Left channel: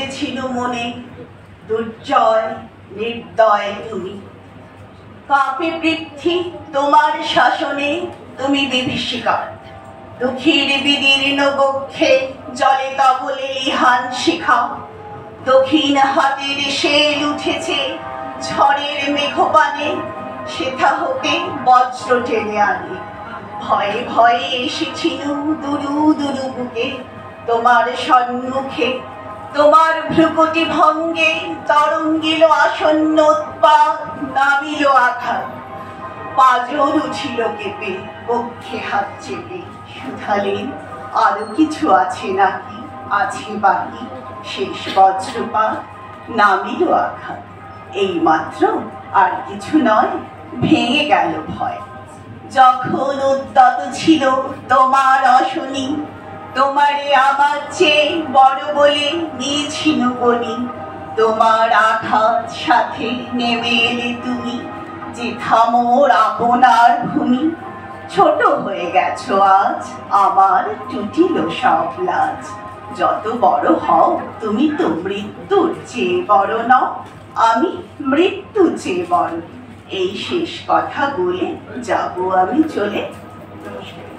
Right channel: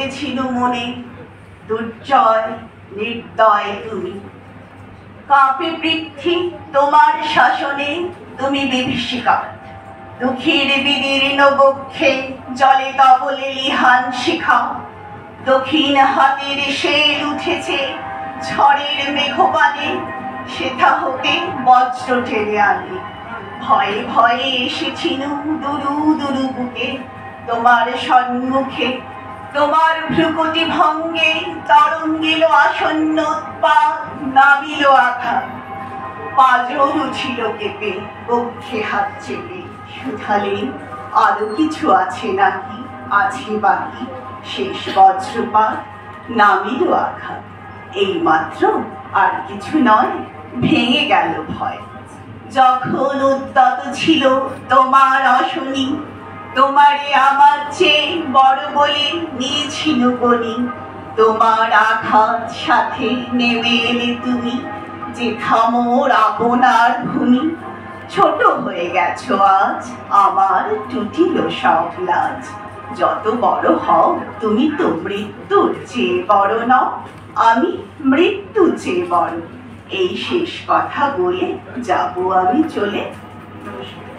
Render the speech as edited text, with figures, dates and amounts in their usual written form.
বেঁধেছিল মনে, দুর্জয় নির্দয় তুমি। কাঁপে পৃথ্বী তোমার শাসনে, তুমি বিভীষিকা। দুঃখীর বিদীর্ণ বক্ষে জলে তবলে লিহান শিখা। দক্ষিণ হাতের শেল উঠেছে ঝড়ের মেঘপানে, সেথা হতে বজ্র টেনে আনে। ভয়ে ভয়ে এসেছিনু দুরু দুরু বুকে তোমার সম্মুখে। তোমার ভ্রুকুটি ভঙ্গে তরঙ্গিল আসন্ন উৎপাত, নামিল আঘাত। পাঁজর উঠিল কেঁপে, বক্ষে হাত চেপে শুধালেন, আরো কিছু আছে নাকি, আছে বাকি? শেষ বজ্রপাত, নামিল আঘাত। এই মাত্র, আর কিছু নয়। ভেঙে গেল ভয়। যখন উদ্যত ছিল তোমার অশনি, তোমারে আমার চেয়ে বড় বলে নিয়েছিল বনি। তোমার আঘাত সাথে নেমে এলে তুমি, যে থামোর আপনার ভূমি। ছোট হয়ে গেছো আজ, আমার টুটিল সব লাজ। যত বড় হও তুমি তো মৃত্যুর চেয়ে বড় নও, আমি মৃত্যু চেয়ে বড়। এই শেষ কথা বলে যাব আমি চলে। নমস্কার।